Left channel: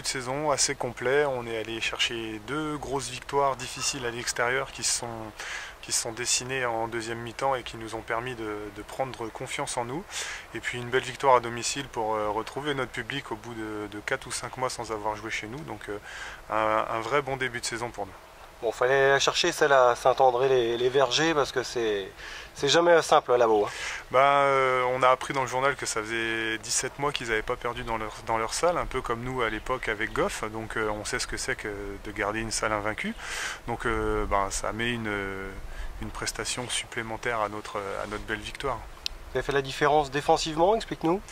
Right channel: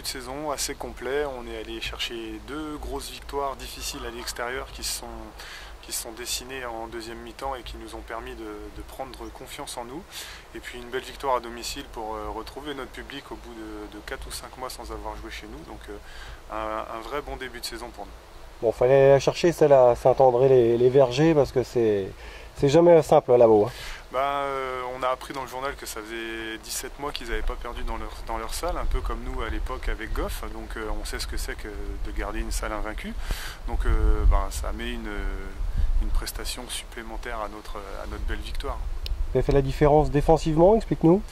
début de saison assez complet. On est allé chercher 2 grosses victoires difficiles à l'extérieur qui se sont dessinées en deuxième mi-temps et qui nous ont permis de prendre confiance en nous. Et puis une belle victoire à domicile pour retrouver notre public au bout de 4 ou 5 mois sans avoir joué chez nous. Donc un vrai bon début de saison pour nous. Bon, fallait la chercher celle à Saint-André les Vergers parce que c'est jamais simple là-bas. Hein. On a appris dans le journal que ça faisait 17 mois qu'ils n'avaient pas perdu dans leur salle, un peu comme nous à l'époque avec Goff. Donc on sait ce que c'est que de garder une salle invaincue. Donc ça met une prestation supplémentaire à notre belle victoire. Vous avez fait la différence défensivement, explique-nous.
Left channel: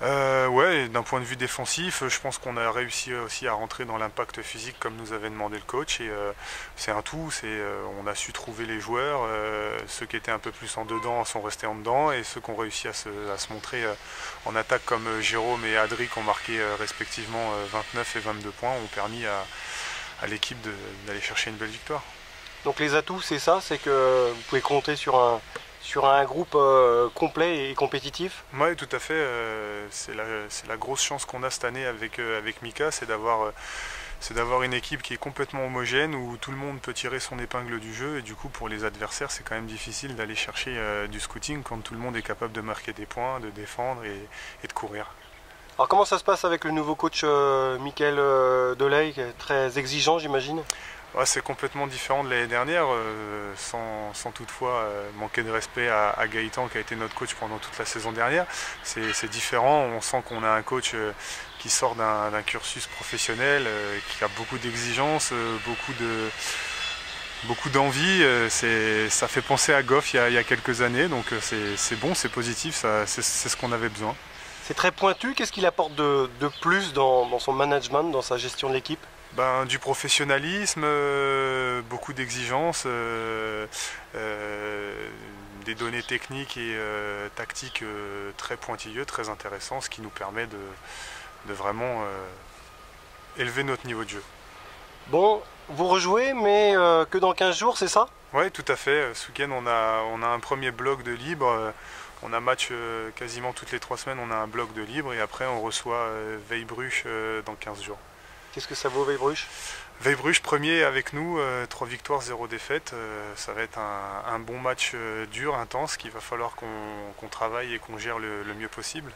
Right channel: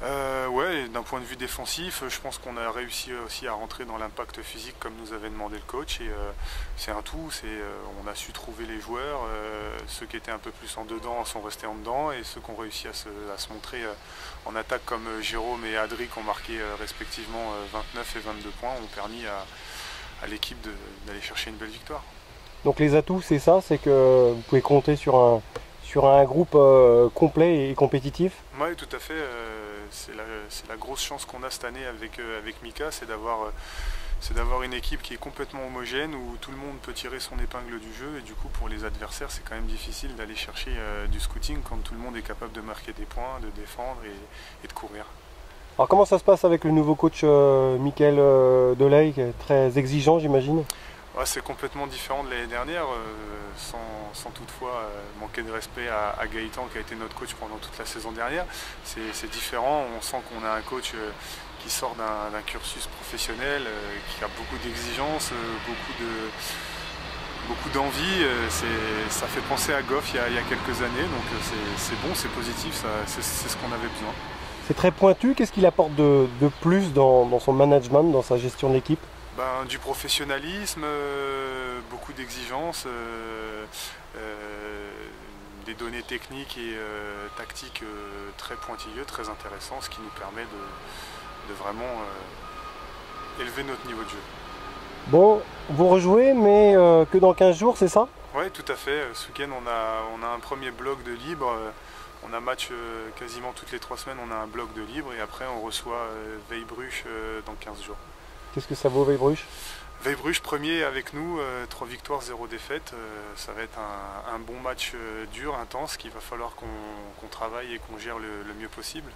Ouais, d'un point de vue défensif, je pense qu'on a réussi aussi à rentrer dans l'impact physique comme nous avait demandé le coach. Et c'est un tout, on a su trouver les joueurs. Ceux qui étaient un peu plus en dedans sont restés en dedans, et ceux qui ont réussi à se montrer en attaque comme Jérôme et Adri, qui ont marqué respectivement 29 et 22 points, ont permis à l'équipe d'aller chercher une belle victoire. Donc les atouts, c'est ça, c'est que vous pouvez compter sur un groupe complet et compétitif. Oui, tout à fait. C'est la grosse chance qu'on a cette année avec Mika, c'est d'avoir une équipe qui est complètement homogène, où tout le monde peut tirer son épingle du jeu. Et du coup, pour les adversaires, c'est quand même difficile d'aller chercher du scouting quand tout le monde est capable de marquer des points, de défendre et de courir. Alors comment ça se passe avec le nouveau coach Mickaël Delay, qui est très exigeant, j'imagine? Ouais, c'est complètement différent de l'année dernière, sans toutefois manquer de respect à Gaëtan, qui a été notre coach pendant toute la saison dernière. C'est différent, on sent qu'on a un coach qui sort d'un cursus professionnel, qui a beaucoup d'exigences, beaucoup d'envie. Ça fait penser à Goff il y a quelques années, donc c'est bon, c'est positif, c'est ce qu'on avait besoin. C'est très pointu, qu'est-ce qu'il apporte de plus dans son management, dans sa gestion de l'équipe? Du professionnalisme, beaucoup d'exigences, des données techniques et tactiques très pointilleux, très intéressants, ce qui nous permet de vraiment élever notre niveau de jeu. Bon, vous rejouez, mais que dans 15 jours, c'est ça? Oui, tout à fait. Ce week-end, on a un premier bloc de libre. On a match quasiment toutes les 3 semaines, on a un bloc de libre, et après on reçoit Weilbruch dans 15 jours. Qu'est-ce que ça vaut, Weilbruch? Weilbruch premier avec nous, 3 victoires, 0 défaite. Ça va être un bon match dur, intense, qu'il va falloir qu'on travaille et qu'on gère le mieux possible.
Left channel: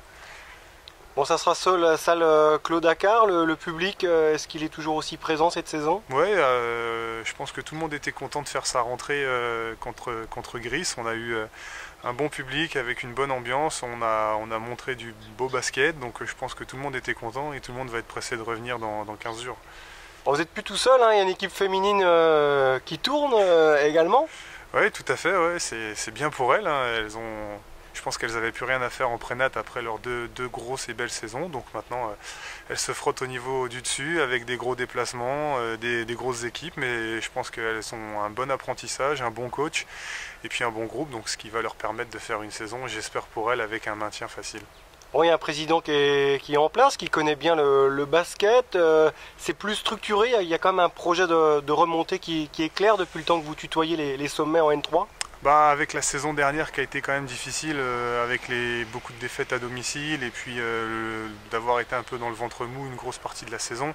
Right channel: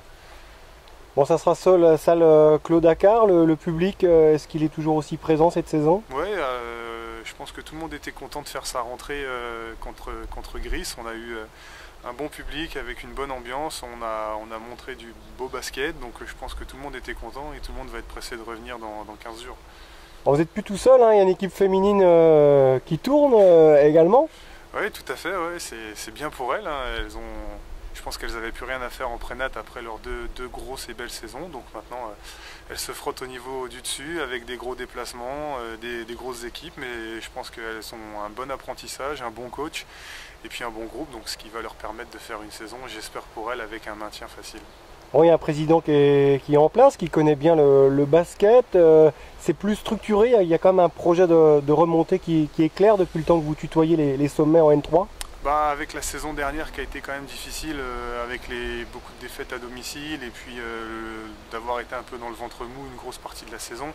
Bon, ça sera seul la salle Claude Accard, le public, est-ce qu'il est toujours aussi présent cette saison? Oui, je pense que tout le monde était content de faire sa rentrée contre Gris. On a eu un bon public avec une bonne ambiance, on a montré du beau basket, donc je pense que tout le monde était content et tout le monde va être pressé de revenir dans 15 jours. Bon, vous n'êtes plus tout seul, hein, il y a une équipe féminine qui tourne également? Oui, tout à fait, ouais, c'est bien pour elles. Hein. Je pense qu'elles n'avaient plus rien à faire en prénat après leurs deux grosses et belles saisons. Donc maintenant, elles se frottent au niveau du dessus avec des gros déplacements, des grosses équipes. Mais je pense qu'elles ont un bon apprentissage, un bon coach et puis un bon groupe. Donc ce qui va leur permettre de faire une saison, j'espère pour elles, avec un maintien facile. Bon, il y a un président qui est en place, qui connaît bien le basket. C'est plus structuré, il y a quand même un projet de remontée qui est clair depuis le temps que vous tutoyez les sommets en N3. Avec la saison dernière qui a été quand même difficile, avec beaucoup de défaites à domicile et puis d'avoir été un peu dans le ventre mou une grosse partie de la saison,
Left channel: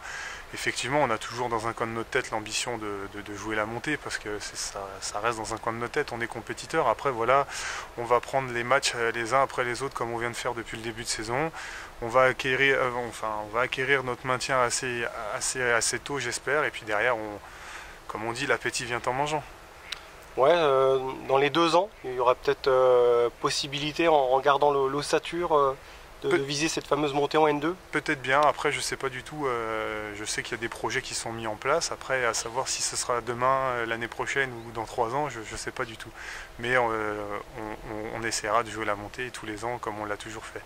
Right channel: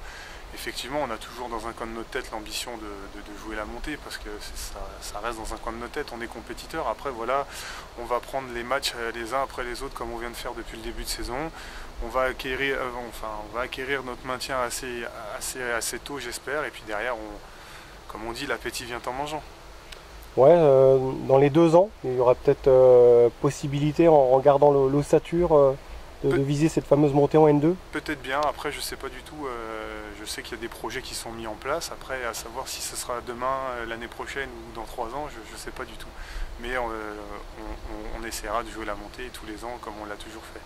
effectivement on a toujours dans un coin de notre tête l'ambition de jouer la montée, parce que ça reste dans un coin de notre tête, on est compétiteur. Après voilà, on va prendre les matchs les uns après les autres comme on vient de faire depuis le début de saison. On va acquérir notre maintien assez tôt, j'espère, et puis derrière, comme on dit, l'appétit vient en mangeant. Ouais, dans les 2 ans, il y aura peut-être possibilité, en regardant l'ossature, de viser cette fameuse montée en N2? Peut-être bien, après je sais pas du tout, je sais qu'il y a des projets qui sont mis en place, après à savoir si ce sera demain, l'année prochaine ou dans 3 ans, je sais pas du tout. Mais on essaiera de jouer la montée tous les ans comme on l'a toujours fait.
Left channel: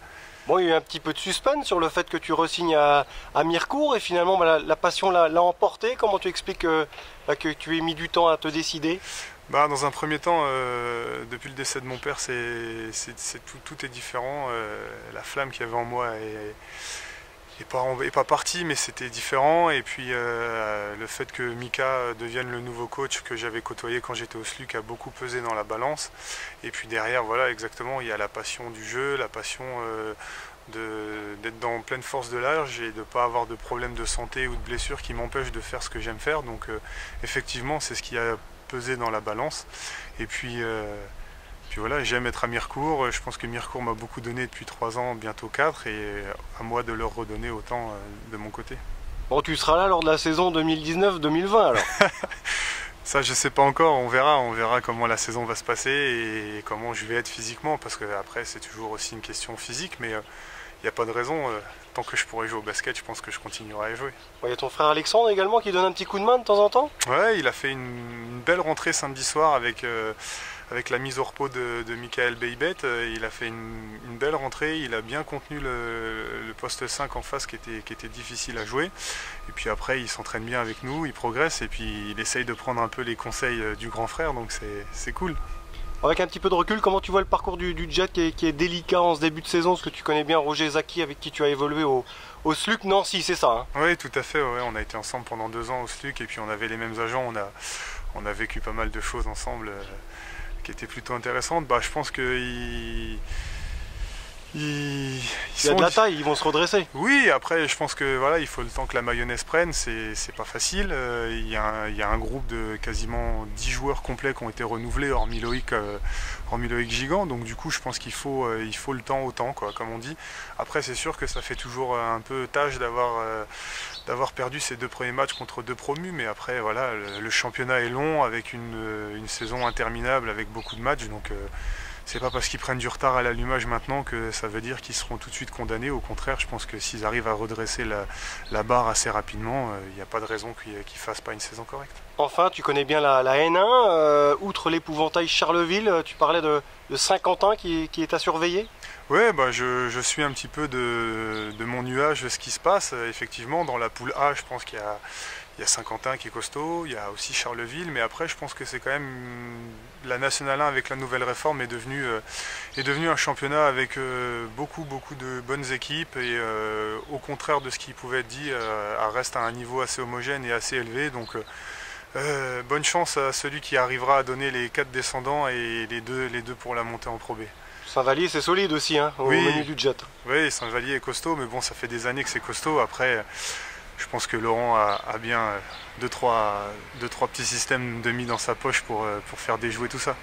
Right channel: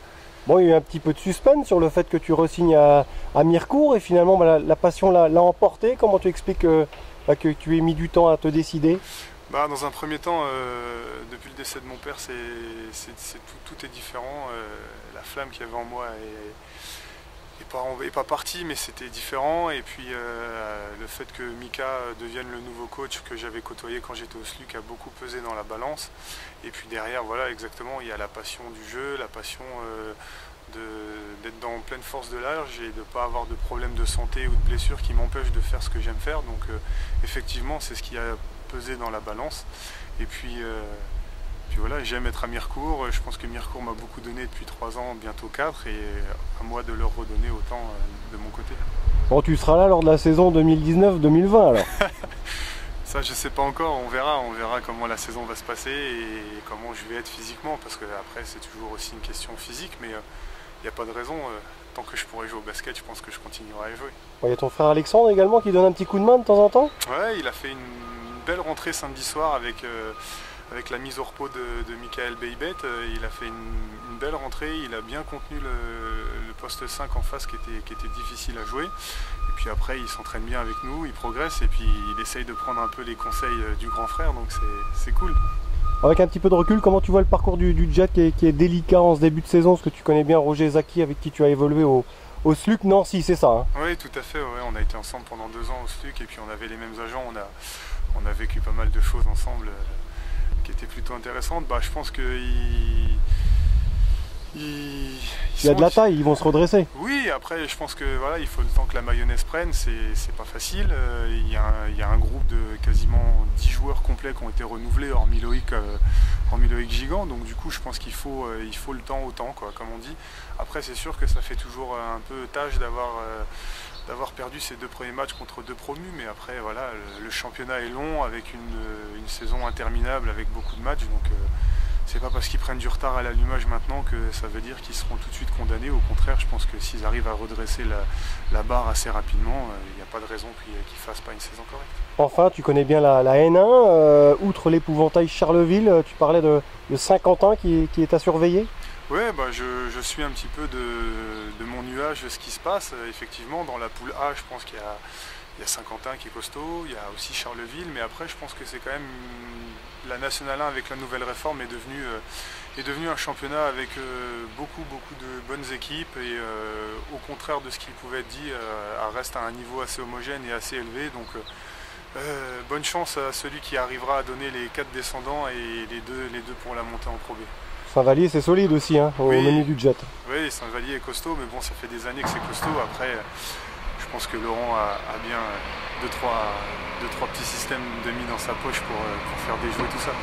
Bon, il y a eu un petit peu de suspense sur le fait que tu re-signes à Mirecourt, et finalement la passion l'a emporté. Comment tu expliques que tu aies mis du temps à te décider? Dans un premier temps, depuis le décès de mon père, tout est différent. La flamme qu'il y avait en moi est pas partie, mais c'était différent. Et puis le fait que Mika devienne le nouveau coach que j'avais côtoyé quand j'étais au SLUC a beaucoup pesé dans la balance. Et puis derrière, voilà, exactement, il y a la passion du jeu, la passion d'être dans pleine force de l'âge et de ne pas avoir de problèmes de santé ou de blessures qui m'empêchent de faire ce que j'aime faire. Donc effectivement, c'est ce qui a pesé dans la balance. Et puis voilà, j'aime être à Mirecourt. Je pense que Mirecourt m'a beaucoup donné depuis 3 ans, bientôt 4, et à moi de leur redonner autant de mon côté. Bon, tu seras là lors de la saison 2019-2020 alors. Ça, je sais pas encore, on verra comment la saison va se passer et comment je vais être physiquement, parce que après c'est toujours aussi une question physique, mais il n'y a pas de raison. Tant que je pourrai jouer au basket, je pense que je continuerai à jouer. Il y a ton frère Alexandre également qui donne un petit coup de main de temps en temps. Ouais, il a fait une belle rentrée samedi soir avec la mise au repos de Michael Beibet. Il a fait une belle rentrée, il a bien contenu le poste 5 en face qui était difficile à jouer. Et puis après, il s'entraîne bien avec nous, il progresse et puis il essaye de prendre un peu les conseils du grand frère, donc c'est cool. Avec un petit peu de recul, comment tu vois le parcours du Jet qui est délicat en ce début de saison? Parce que tu connais bien Roger Zaki avec qui tu as évolué au SLUC Nancy, c'est ça hein? Oui, tout à fait. Ouais. On a été ensemble pendant 2 ans au SLUC et puis on avait les mêmes agents. On a vécu pas mal de choses ensemble qui étaient plutôt intéressantes. Je pense qu'il il y a de la taille, ils vont se redresser. Oui, après je pense que voilà, il faut le temps que la mayonnaise prenne, c'est pas facile. Il y a un groupe de quasiment 10 joueurs complets qui ont été renouvelés, hormis Loïc Gigant, donc du coup je pense qu'il faut le temps au temps, quoi, comme on dit. Après c'est sûr que ça fait toujours un peu tâche d'avoir perdu ces 2 premiers matchs contre 2 promus, mais après voilà, le championnat est long avec une saison interminable avec beaucoup de matchs, donc c'est pas parce qu'ils prennent du retard à l'allumage maintenant que ça veut dire qu'ils seront tout de suite condamnés. Au contraire, je pense que s'ils arrivent à redresser la barre assez rapidement, il n'y a pas de raison qu'ils fassent pas une saison correcte. Enfin, tu connais bien la N1, outre l'épouvantail Charleville, tu parlais de Saint-Quentin qui est à surveiller. Oui, je suis un petit peu de mon nuage ce qui se passe. Effectivement, dans la poule A, je pense qu'il y a Saint-Quentin qui est costaud, il y a aussi Charleville, mais après je pense que c'est quand même la Nationale 1 avec la nouvelle réforme est devenu un championnat avec beaucoup de bonnes équipes et au contraire de ce qui pouvait être dit, reste à un niveau assez homogène et assez élevé. Donc bonne chance à celui qui arrivera à donner les 4 descendants et les deux pour la montée en Pro B. Saint-Vallier c'est solide aussi hein, au menu du Jet. Oui, Saint-Vallier est costaud, mais bon ça fait des années que c'est costaud. Après je pense que Laurent a bien 2-3 petits systèmes de mis dans sa poche pour faire déjouer tout ça.